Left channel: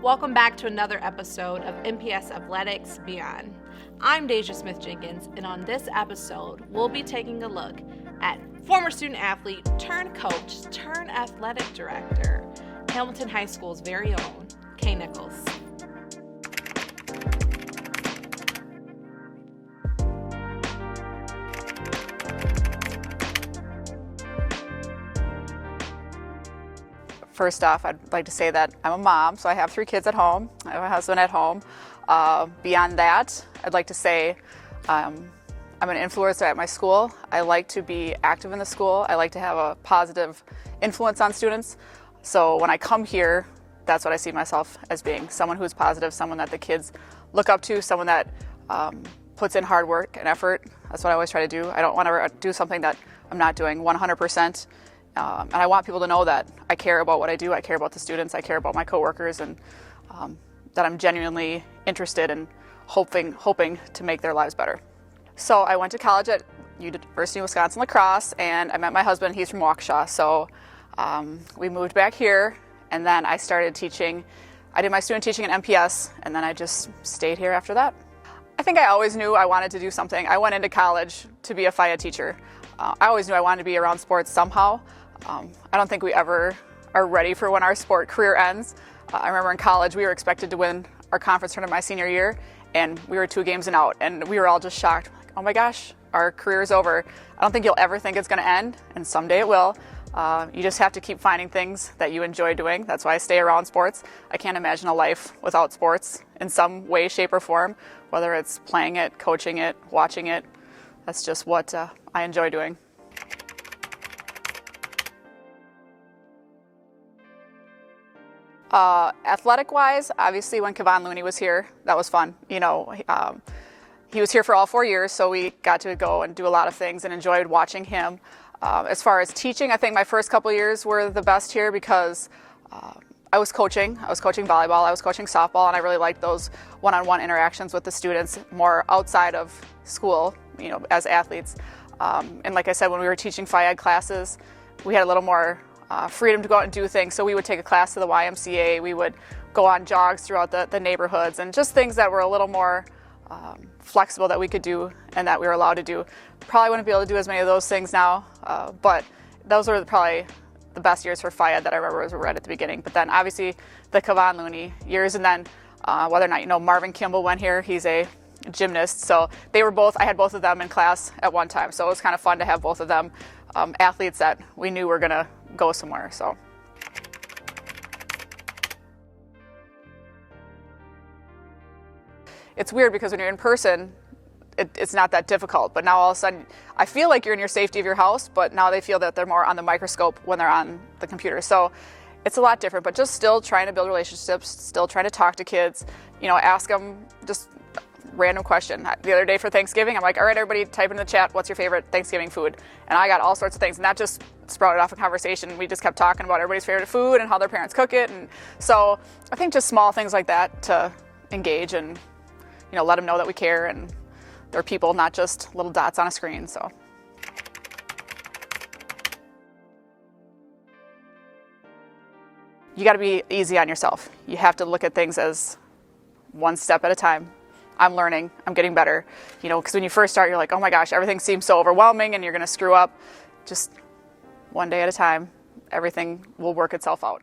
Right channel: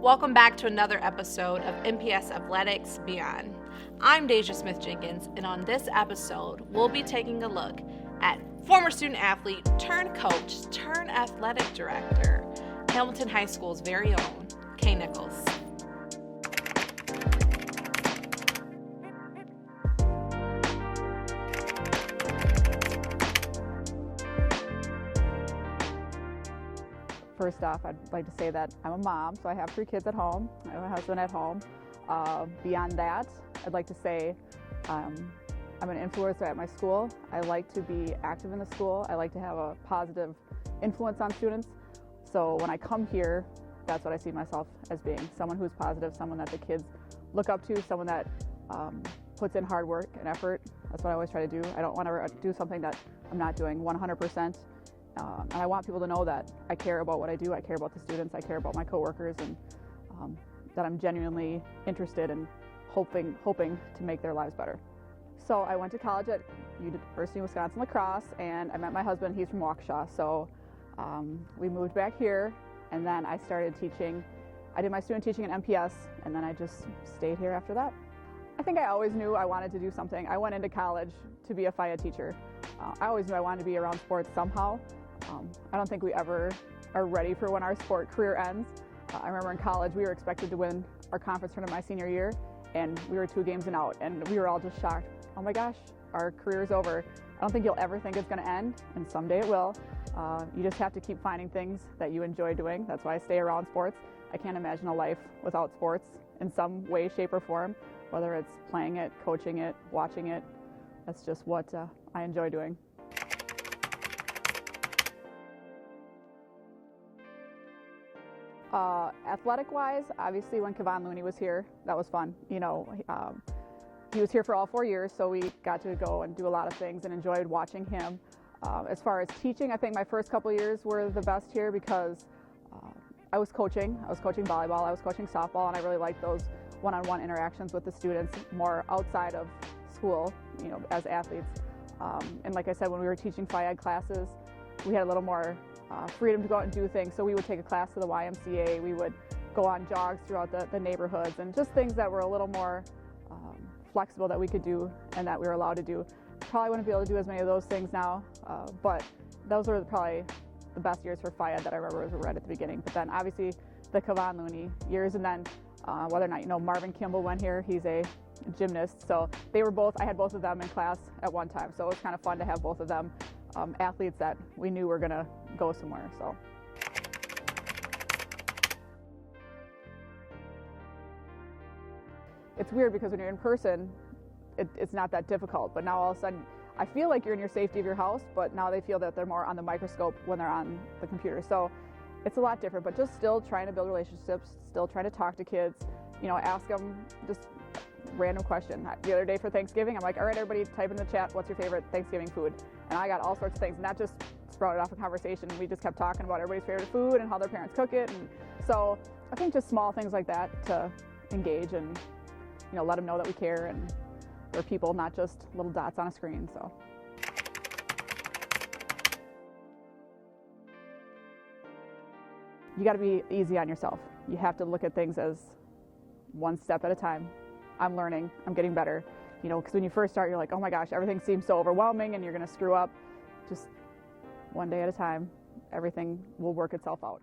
Welcome back to another episode of MPS Athletics Beyond. I'm Deja Smith-Jenkins, and on this episode, we'll be taking a look at former student athlete turned coach turned athletic director, Hamilton High School's very own, Nichols. First off, I'd like to say that I'm a mom, so I have 3 kids at home. I have a husband at home. Beyond that, I'd like to say I'm an influencer at my school. I like to be active in the school. I like to have a positive influence on students. So when I come here, that's what I see myself as being, someone who's positive, someone that the kids look up to, someone that puts in hard work and effort. That's what I always try to do. I don't want to do something that I'm not doing 100%. And I want people to know that I care about what I do, I care about the students, I care about my coworkers, and that I'm genuinely interested in hoping to make their lives better. So I went to college at University of Wisconsin La Crosse, and I met my husband. He's from Waukesha, so we moved back here, and then I started teaching. I did my student teaching at MPS, and then I just stayed here after that. I think I always knew I wanted to do something. I went into college to be a FIA teacher. I always knew I wanted to be around sports somehow. I don't think we ever are ready for when our sport career ends. I remember in college we were expected to win our conference tournament my senior year, and we were 2 games and out, and we were all just shocked. Like, oh my gosh, our career is over. I don't think you'll ever think it's going to end, and someday it will. You just have to keep finding things that you enjoy doing. That's why I stay around sports. I can't imagine a life without sports in some way, shape, or form, whether it's playing it, coaching it, watching it. That's just what I enjoy doing. Athletic-wise, obviously when Kevon Looney was here, that was fun. You know, he was here for all 4 years, so we got to go and do a lot of things and enjoyed watching him. As far as teaching, I think my first couple years were the best here because I was coaching. I was coaching volleyball, I was coaching softball, and I really liked those one-on-one interactions with the students more outside of school, you know, as athletes. And like I said, when we were teaching FIAD classes, we had a little more freedom to go out and do things. So we would take a class to the YMCA, we would go on jogs throughout the neighborhoods, and just things that were a little more flexible that we could do and that we were allowed to do. Probably wouldn't be able to do as many of those things now, but those were probably the best years for FIAD that I remember was right at the beginning. But then obviously the Kevon Looney years, and then whether or not, you know, Marvin Kimball went here, he's a gymnast, so they were both, I had both of them in class at one time, so it was kind of fun to have both of them athletes that we knew were gonna go somewhere. So it's weird because when you're in person, it's not that difficult, but now all of a sudden I feel like you're in your safety of your house, but now they feel that they're more on the microscope when they're on the computer. So it's a lot different, but just still trying to build relationships, still trying to talk to kids, you know, ask them just random question. The other day for Thanksgiving, I'm like, all right, everybody type in the chat, what's your favorite Thanksgiving food? And I got all sorts of things, and that just sprouted off a conversation. We just kept talking about everybody's favorite food and how their parents cook it. And so I think just small things like that to engage and, you know, let them know that we care and they're people, not just little dots on a screen. So you got to be easy on yourself. You have to look at things as one step at a time. I'm learning, I'm getting better, you know, because when you first start, you're like, oh my gosh, everything seems so overwhelming and you're going to screw up. Just one day at a time, everything will work itself out.